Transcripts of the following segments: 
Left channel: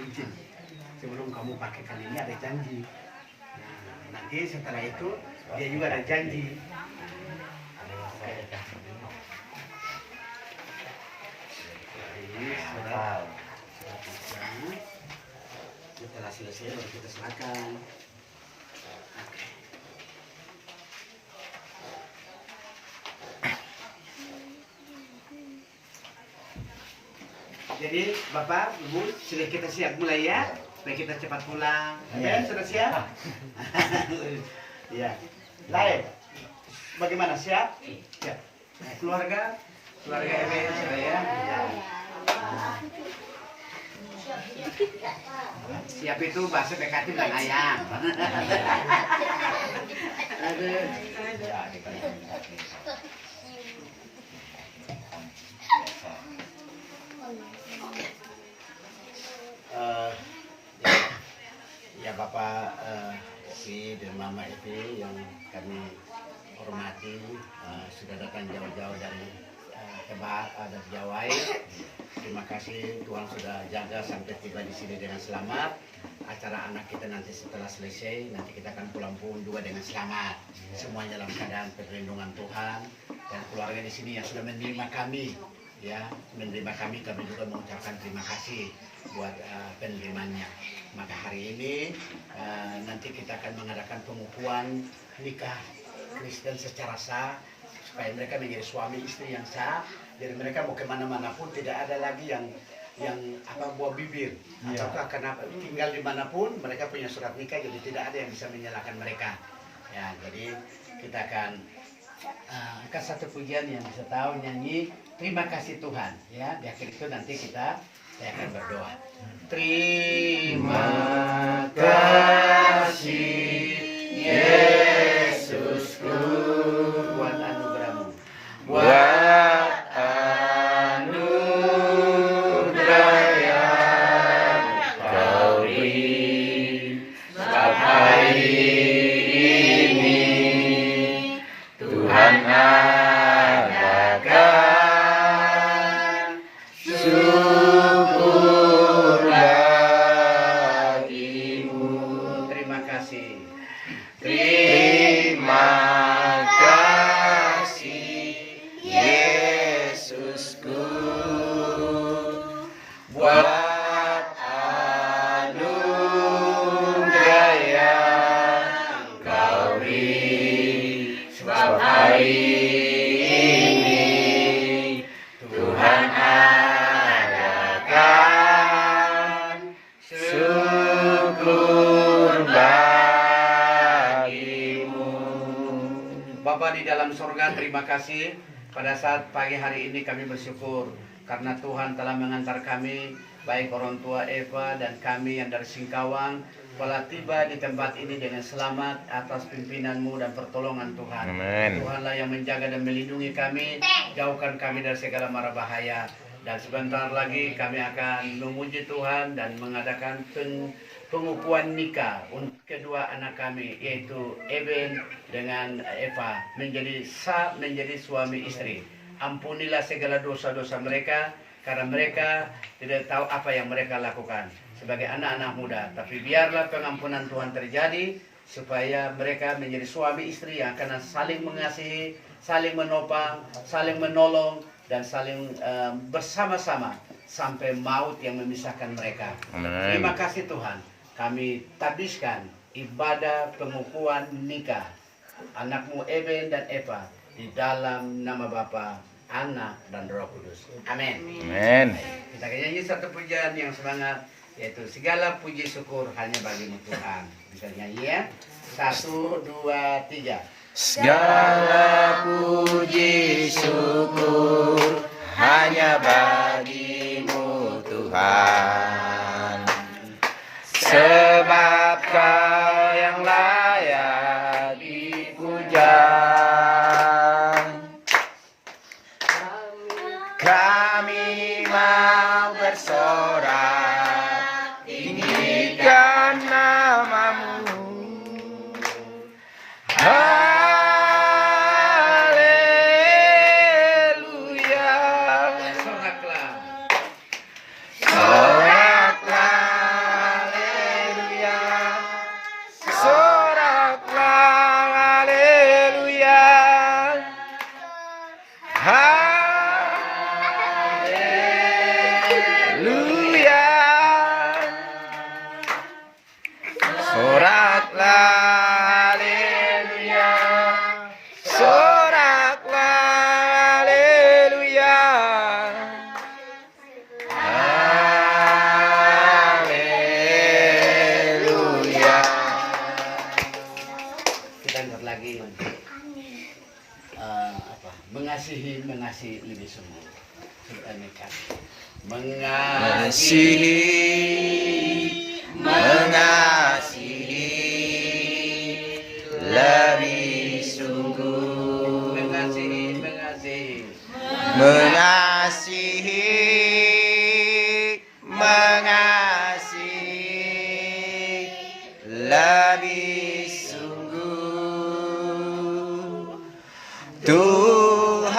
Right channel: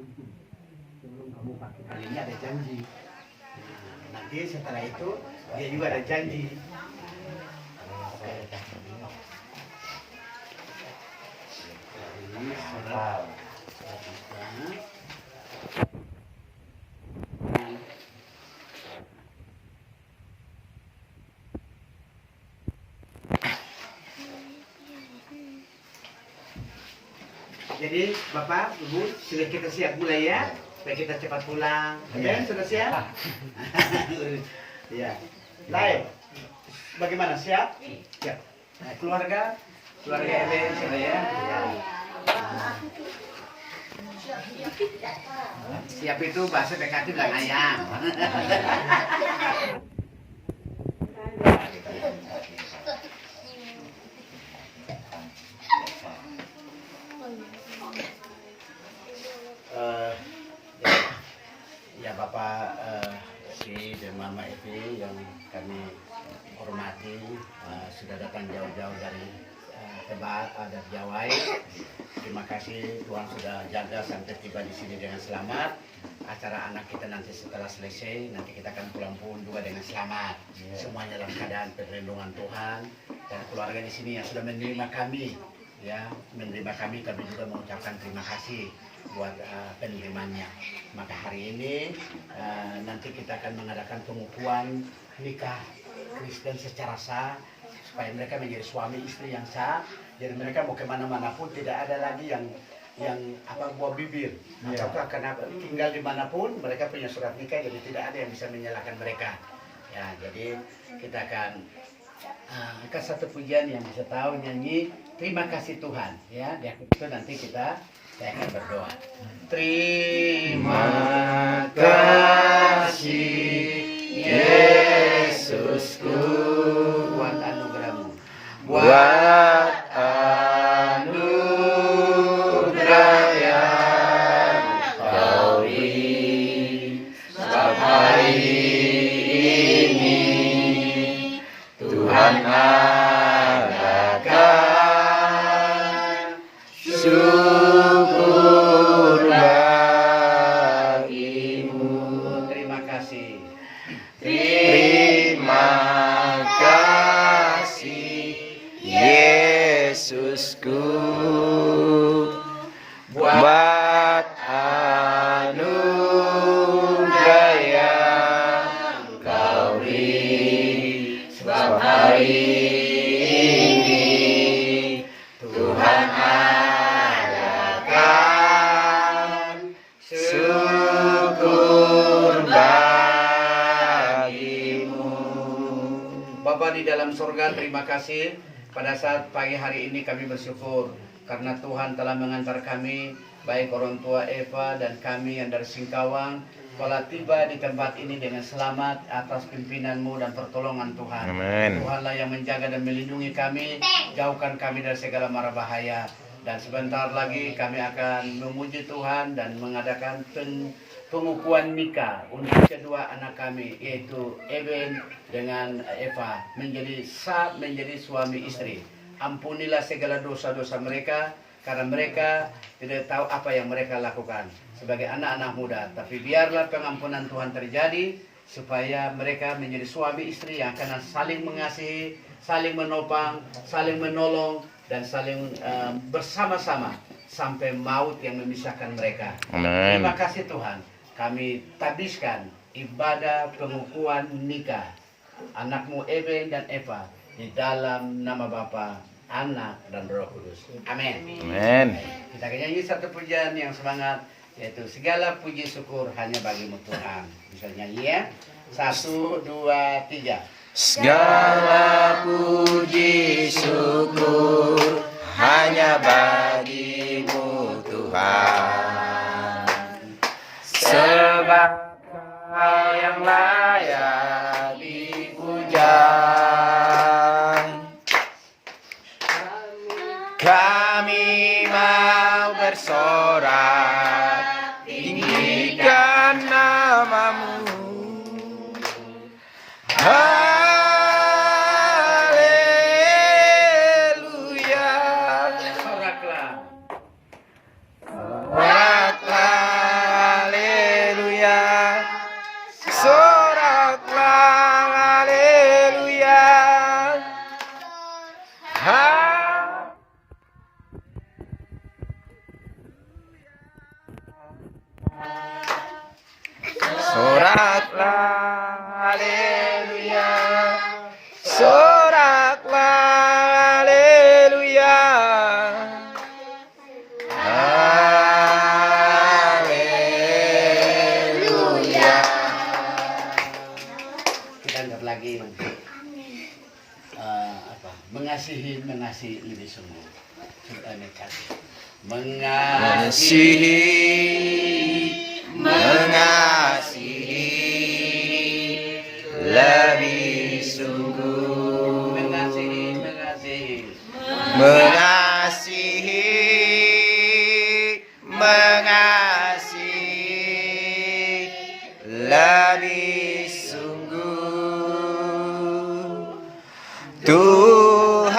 izin. Sebelum kamu pakai kali ini ada janji. Nah, nanti setelah itu dia juga ada janji. Ini surat nikah. Setelah selesai baru kita serahkan. Jadi Bapak, Ibu, sudah kita siap mulai ya, supaya kita cepat pulang. Ya, sudah siap? Ya. Lain. Bagaimana, siap? Siap. Nah, keluarga Eben sudah ya. Siap itu bahasa PKK bilang ayam. Ya Bapak Si dan Mama Evi yang kami hormati, sudah datang jauh-jauh dari Tebak, dari Jawai. Terima kasih Tuhan sudah jaga sampai tiba di sini dengan selamat. Acara anak kita nanti setelah selesai, nanti kita akan pulang pun juga dengan selamat. Semuanya dalam keadaan perlindungan Tuhan dan keluarga di sini yang sudah menerima kami. Ya, menerima kami juga mengucapkan terima kasih buat penerimanya. Maka hari ini nanti kita akan mengadakan pengukuhan nikah Kristen secara sah supaya mereka menjadi suami istri yang sah. Jadi mereka mau kemana-mana pun tidak ada lagi yang buah bibir ataukah kenapa tinggal dimanapun mereka punya surat nikah, jadi tidak ada yang bisa menyalahkan mereka. Ya, jadi kita akan angkat satu pujian yang bisa tahu nyanyi terima kasih Tuhan ya. Di akhir itu nanti saya akan berdoa. Terima kasih Yesusku buat anugerahmu, buat anugerah yang kau beri. Sebab hari ini Tuhan adakan syukur bagimu. Terima kasih. Terima kasih Yesusku buat anugerah yang kau beri. Sebab hari ini Tuhan adakan syukur bagimu. Bapa di dalam surga, terima kasih pada saat pagi hari ini kami bersyukur karena Tuhan telah mengantar kami, baik orang tua Eva dan kami yang dari Singkawang, telah tiba di tempat ini dengan selamat atas pimpinan-Mu dan pertolongan Tuhan. Amen. Tuhanlah yang menjaga dan melindungi kami, jauhkan kami dari segala mara bahaya. Dan sebentar lagi kami akan memuji Tuhan dan mengadakan pengukuhan nikah untuk kedua anak kami, yaitu Eben dengan Eva, menjadi suami istri. Ampunilah segala dosa-dosa mereka, karena mereka tidak tahu apa yang mereka lakukan sebagai anak-anak muda. Tapi biarlah pengampunan Tuhan terjadi, supaya mereka menjadi suami istri yang akan saling mengasihi, saling menopang, saling menolong, dan saling bersama-sama sampai maut yang memisahkan mereka. Amen. Terima kasih Tuhan. Kami tabiskan ibadah pengukuhan nikah anakmu Eben dan Eva di dalam nama Bapa, Anak, dan Roh Kudus. Amin. Amen. Kita akan nyanyi satu pujian yang semangat, yaitu segala puji syukur hanya bagimu Tuhan. Bisa nyanyi ya? 1, 2, 3. Segala puji syukur hanya bagimu Tuhan, sebab Kau yang layak dipuja. Kami mau bersorak tinggikan nama-Mu. Haleluya. Soraklah mengasihi lebih sungguh. Mengasihi lebih sungguh. Mengasihi lebih sungguh. Tuhan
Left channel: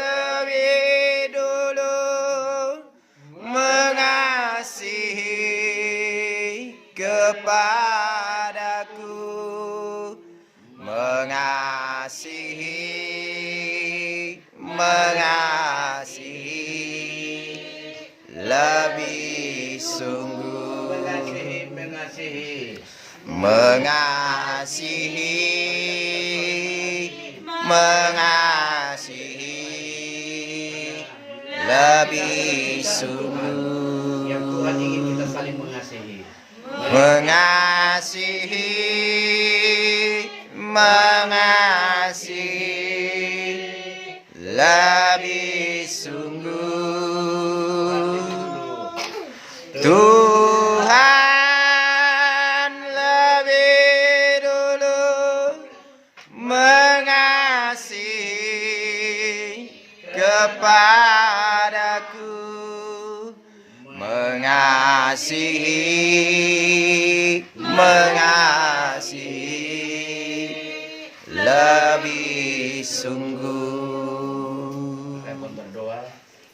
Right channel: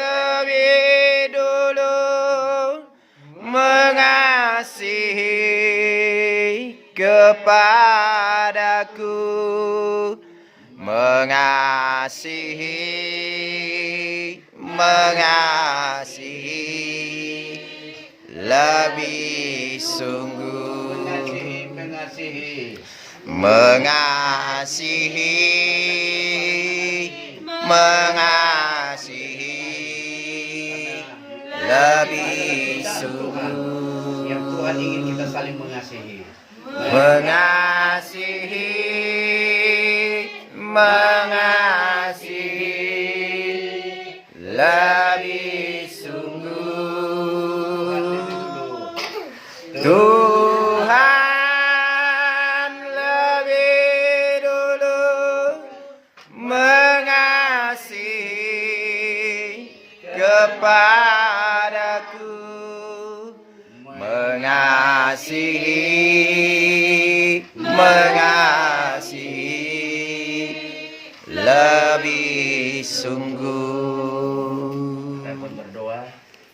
lebih dulu mengasihi kepadaku, mengasihi lebih sungguh. Mengasihi lebih sungguh. Yang Tuhan ingin kita saling mengasihi. Mengasihi lebih sungguh. Tuhan lebih dulu mengasihi kepadaku, mengasihi lebih sungguh. Saya pun berdoa,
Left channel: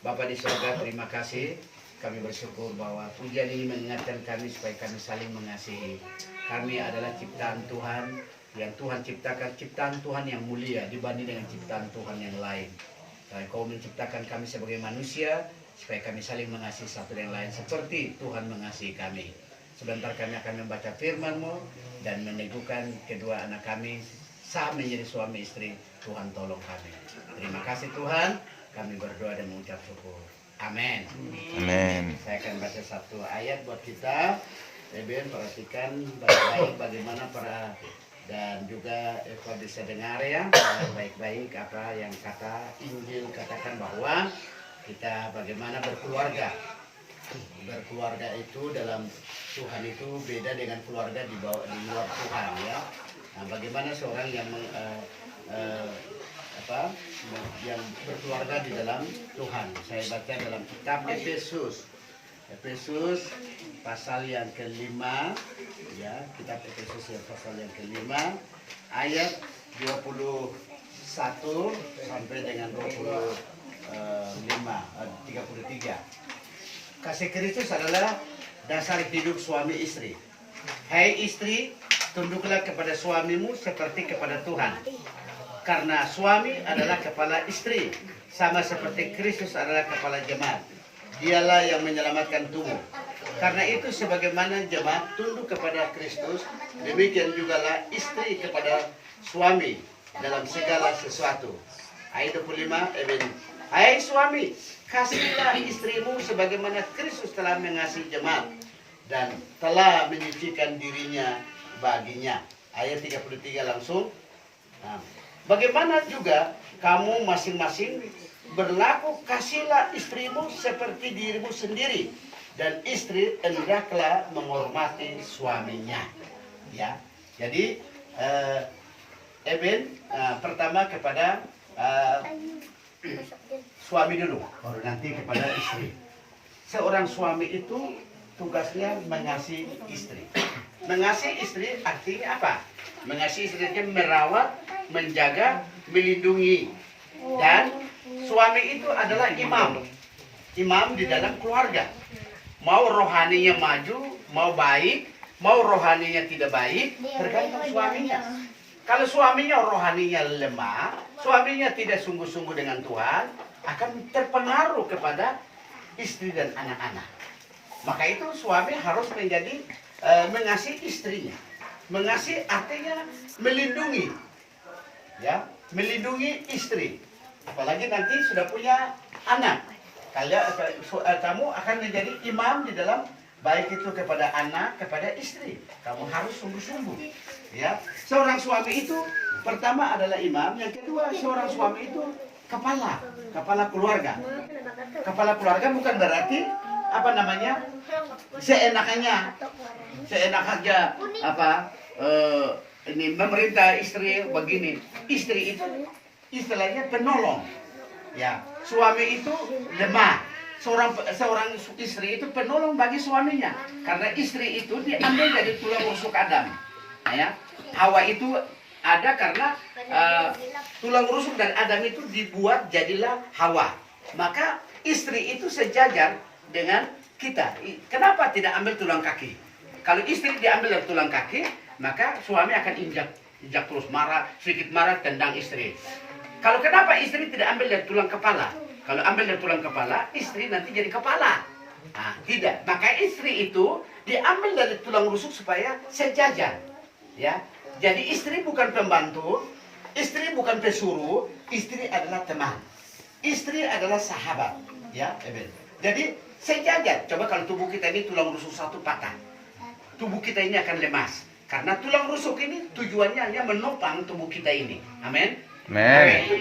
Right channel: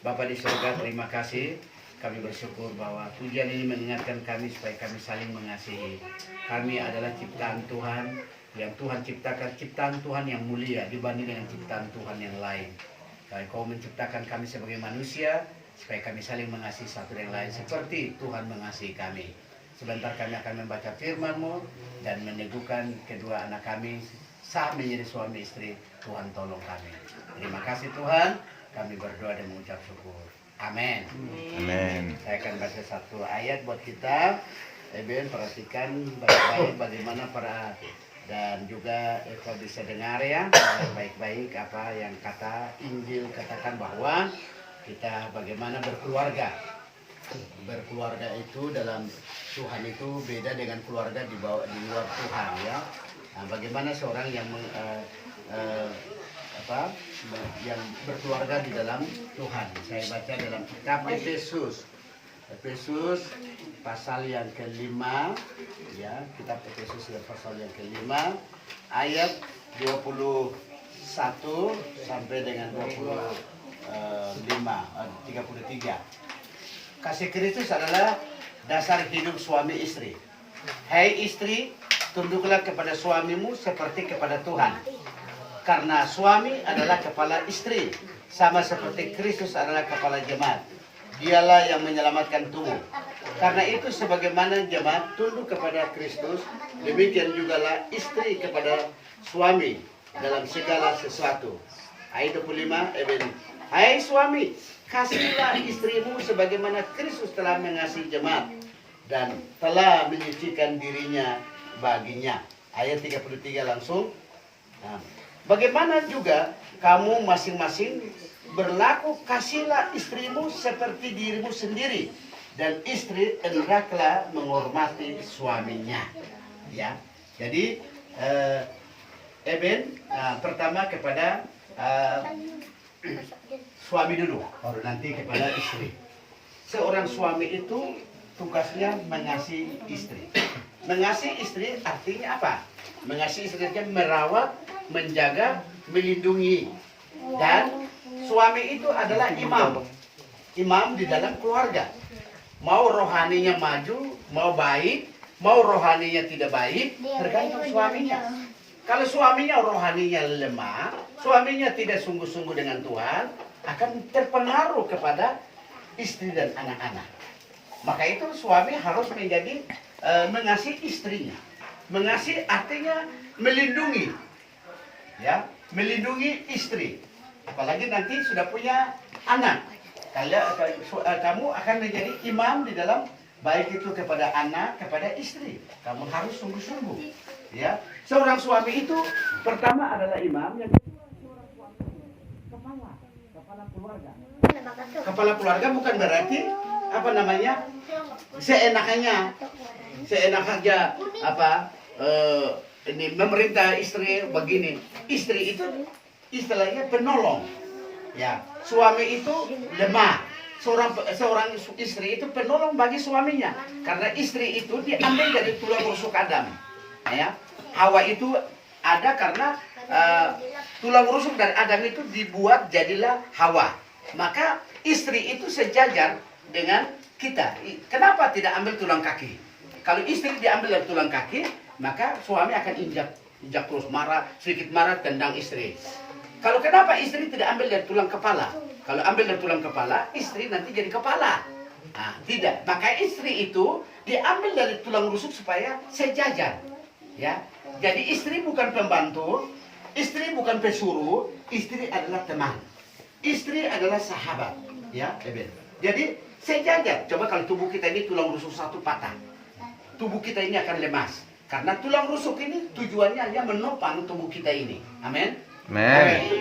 Bapa di surga, terima kasih. Kami bersyukur bahwa pujian ini mengingatkan kami supaya kami saling mengasihi. Kami adalah ciptaan Tuhan yang Tuhan ciptakan, ciptaan Tuhan yang mulia dibanding dengan ciptaan Tuhan yang lain. Dan Kau menciptakan kami sebagai manusia supaya kami saling mengasihi satu dengan lain seperti Tuhan mengasihi kami. Sebentar kami akan membaca firman-Mu dan meneguhkan kedua anak kami sah menjadi suami istri. Tuhan tolong kami. Terima kasih Tuhan. Kami berdoa dan mengucap syukur. Amin. Amin. Saya akan baca satu ayat buat kita. Eben, perhatikan baik-baik bagaimana dan juga Eva bisa dengar ya baik-baik apa yang kata Injil katakan bahwa kita bagaimana berkeluarga. Berkeluarga itu dalam Tuhan itu beda dengan keluarga di luar Tuhan ya. Nah, bagaimana seorang yang yang berkeluarga di dalam Tuhan. Saya baca dalam kitab Efesus pasal yang kelima ya, kitab Efesus yang pasal yang kelima ayat 21 sampai dengan 33. Kasih Kristus adalah dasar hidup suami istri. Hai istri, tunduklah kepada suamimu seperti kepada Tuhan. Karena suami adalah kepala istri, sama seperti Kristus adalah kepala jemaat. Dialah yang menyelamatkan tubuh. Karena itu sebagaimana jemaat tunduk kepada Kristus, demikian jugalah istri kepada suami dalam segala sesuatu. Ayat 25, hai suami, kasihilah istrimu sebagaimana Kristus telah mengasihi jemaat dan telah menyucikan dirinya baginya. Ayat 33 langsung. Nah, bagaimana juga kamu masing-masing berlaku, kasihlah istrimu seperti dirimu sendiri, dan istri hendaklah menghormati suaminya. Ya, jadi pertama kepada suami dulu, baru nanti kepada istri. Seorang suami itu tugasnya mengasihi istri. Mengasihi istri artinya apa? Mengasihi istri itu merawat, menjaga, melindungi. Dan suami itu adalah imam. Imam di dalam keluarga. Mau rohaninya maju, mau baik, mau rohaninya tidak baik, tergantung suaminya. Kalau suaminya rohaninya lemah, suaminya tidak sungguh-sungguh dengan Tuhan, akan terpengaruh kepada istri dan anak-anak. Maka itu suami harus menjadi mengasihi istrinya. Mengasihi artinya melindungi. Ya, melindungi istri. Apalagi nanti sudah punya anak. Kamu akan menjadi imam di dalam baik itu kepada anak, kepada istri. Kamu harus sungguh-sungguh. Ya, seorang suami itu pertama adalah imam, yang kedua seorang suami itu kepala keluarga. Kepala keluarga bukan berarti apa namanya seenaknya ini memerintah istri begini. Istri itu istilahnya penolong. Ya, suami itu lemah. Seorang istri itu penolong bagi suaminya, karena istri itu diambil dari tulang rusuk Adam. Ya, Hawa itu ada karena tulang rusuk dari Adam itu dibuat jadilah Hawa. Maka istri itu sejajar dengan kita. Kenapa tidak ambil tulang kaki? Kalau istri diambil dari tulang kaki, maka suami akan injak terus, marah, sedikit marah, tendang istri. Kalau kenapa istri tidak ambil dari tulang kepala? Kalau ambil dari tulang kepala, istri nanti jadi kepala. Nah, tidak. Maka istri itu diambil dari tulang rusuk supaya sejajar. Ya, jadi istri bukan pembantu, istri bukan pesuruh, istri adalah teman, istri adalah sahabat. Ya, jadi sejajar. Coba kalau tubuh kita ini tulang rusuk satu patah, tubuh kita ini akan lemas. Karena tulang rusuk ini tujuannya hanya menopang tubuh kita ini. Amin.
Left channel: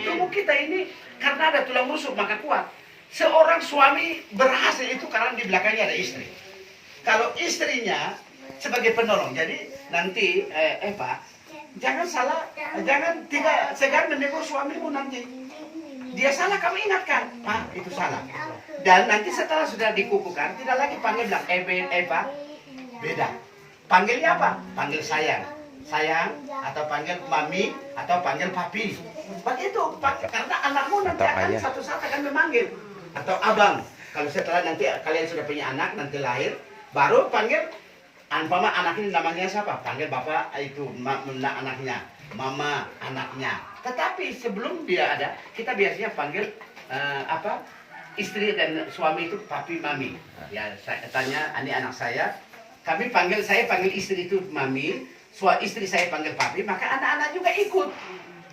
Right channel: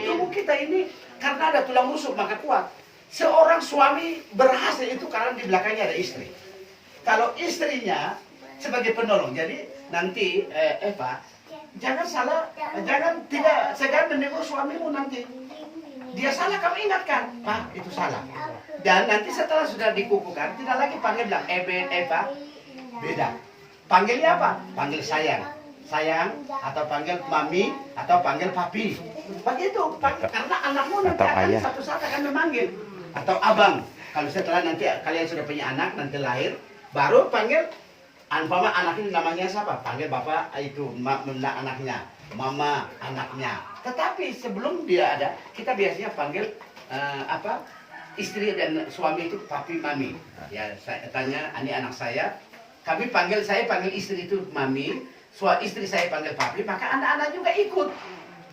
Tubuh kita ini karena ada tulang rusuk maka kuat. Seorang suami berhasil itu karena di belakangnya ada istri. Kalau istrinya sebagai penolong, jadi nanti Eva jangan menegur suamimu nanti. Dia salah kamu ingatkan, Pak itu salah. Dan nanti setelah sudah dikukuhkan tidak lagi panggil bilang Eva, beda. Panggilnya apa? Panggil sayang, atau panggil mami, atau panggil papi. Begitu, karena anakmu nanti akan satu saat akan memanggil. Atau abang. Kalau setelah nanti kalian sudah punya anak, nanti lahir, baru panggil. Anpama anak ini namanya siapa? Panggil bapak itu anaknya, mama anaknya. Tetapi sebelum dia ada, kita biasanya panggil istri dan suami itu papi, mami. Ya, saya tanya, ini anak saya. Saya panggil istri itu mami, istri saya panggil papi, maka anak-anak juga ikut.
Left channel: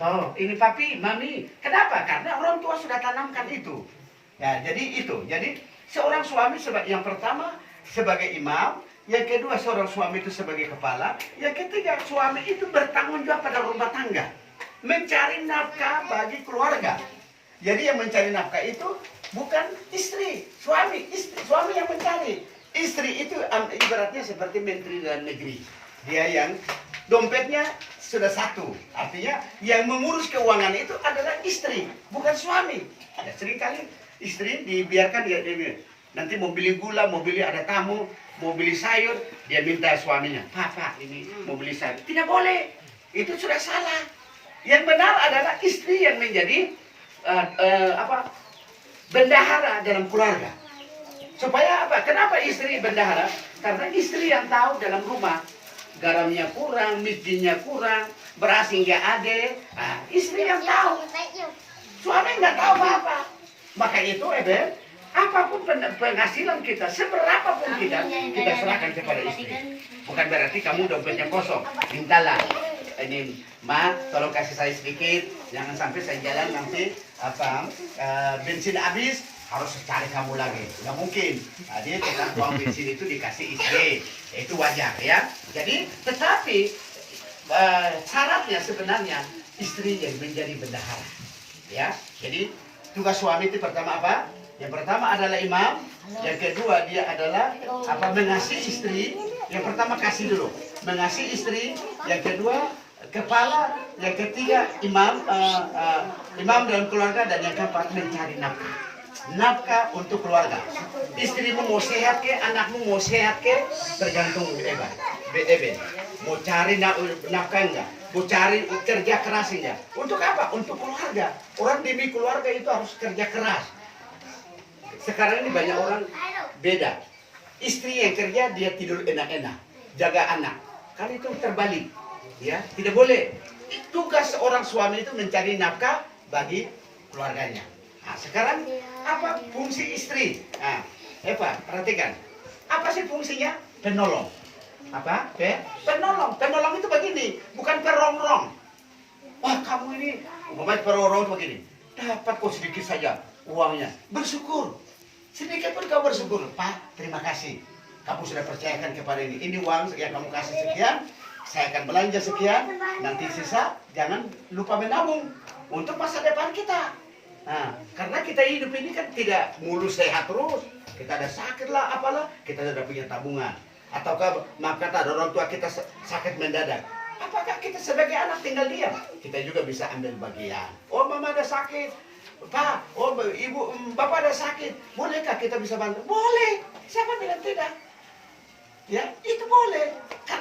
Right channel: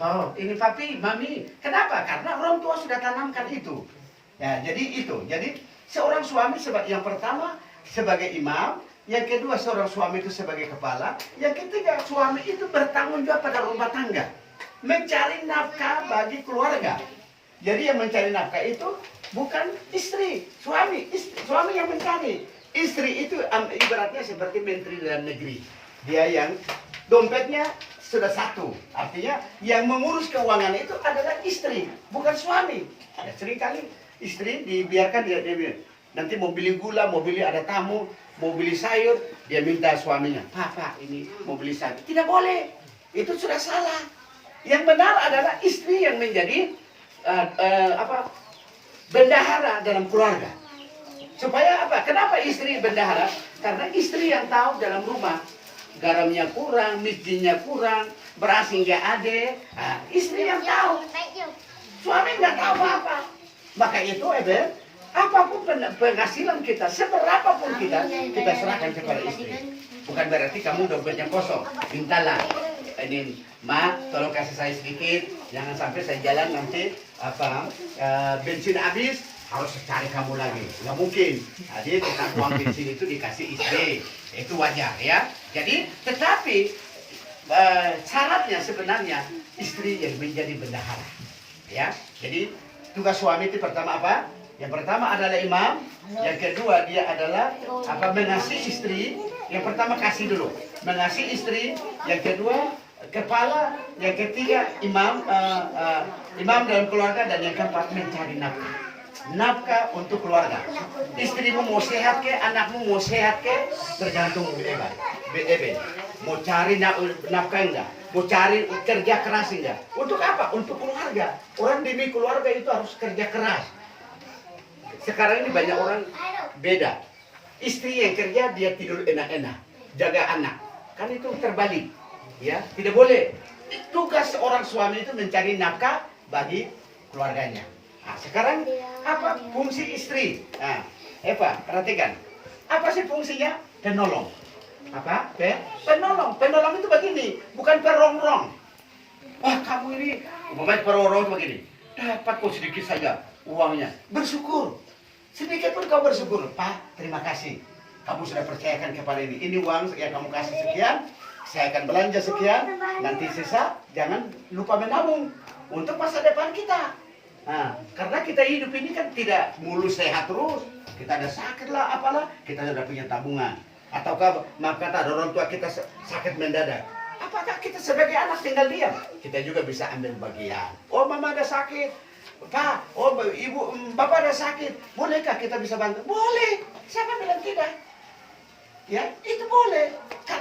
Oh, ini papi, mami. Kenapa? Karena orang tua sudah tanamkan itu. Ya, jadi itu. Jadi seorang suami yang pertama sebagai imam, yang kedua seorang suami itu sebagai kepala, yang ketiga suami itu bertanggung jawab pada rumah tangga, mencari nafkah bagi keluarga. Jadi yang mencari nafkah itu bukan istri, suami yang mencari. Istri itu ibaratnya seperti menteri dalam negeri. Dia yang dompetnya sudah satu. Artinya yang mengurus keuangan itu adalah istri, bukan suami. Ya, seringkali istri dibiarkan dia nanti mau beli gula, mau beli ada tamu, mau beli sayur, dia minta suaminya, Pak, ini mau beli sayur. Tidak boleh. Itu sudah salah. Yang benar adalah istri yang menjadi bendahara dalam keluarga. Supaya apa? Kenapa istri bendahara? Karena istri yang tahu dalam rumah garamnya kurang, miskinnya kurang, beras nggak ada. Nah, istri yang tahu. Suami nggak tahu apa-apa. Maka itu apapun penghasilan kita, seberapapun kita serahkan kepada istri. Bukan berarti kamu dompetnya kosong. Mintalah. Ini, Ma, tolong kasih saya sedikit. Jangan sampai saya jalan nanti bensin habis. Harus cari kamu lagi, nggak mungkin. Jadi kita uang bensin itu dikasih istri, itu wajar ya. Jadi tetapi syaratnya sebenarnya istri yang menjadi bendahara, ya. Jadi tugas suami itu pertama apa? Yang pertama adalah imam, yang kedua dia adalah mengasihi istri. Yang pertama kasih dulu, mengasihi istri. Yang kedua kepala, yang ketiga imam dalam keluarga, dan yang keempat mencari nafkah untuk keluarga. Istrimu mau sehat ke, anakmu mau sehat ke, tergantung Eben. Mau cari nafkah enggak? Mau cari kerja keras enggak? Untuk apa? Untuk keluarga. Orang demi keluarga itu harus kerja keras. Sekarang ini banyak orang beda. Istri yang kerja dia tidur enak-enak, jaga anak. Kan itu terbalik. Ya, tidak boleh. Tugas seorang suami itu mencari nafkah bagi keluarganya. Nah, sekarang apa fungsi istri? Nah, Eva, perhatikan. Apa sih fungsinya? Penolong. Apa? Penolong. Penolong itu begini, bukan perongrong. Wah, kamu ini umpamanya perongrong itu begini. Dapat kok sedikit saja uangnya. Bersyukur. Sedikit pun kau bersyukur. Pak, terima kasih. kamu sudah percayakan kepada ini uang yang kamu kasih sekian, saya akan belanja sekian, nanti sisa jangan lupa menabung untuk masa depan kita. Nah, karena kita hidup ini kan tidak mulus sehat terus, kita ada sakit lah apalah, kita sudah punya tabungan. Ataukah maka ada orang tua kita sakit mendadak, apakah kita sebagai anak tinggal diam? Kita juga bisa ambil bagian. Oh, mama ada sakit, Pak, oh ibu, bapak ada sakit, bolehkah kita bisa bantu? Boleh, siapa bilang tidak? Ya, itu boleh.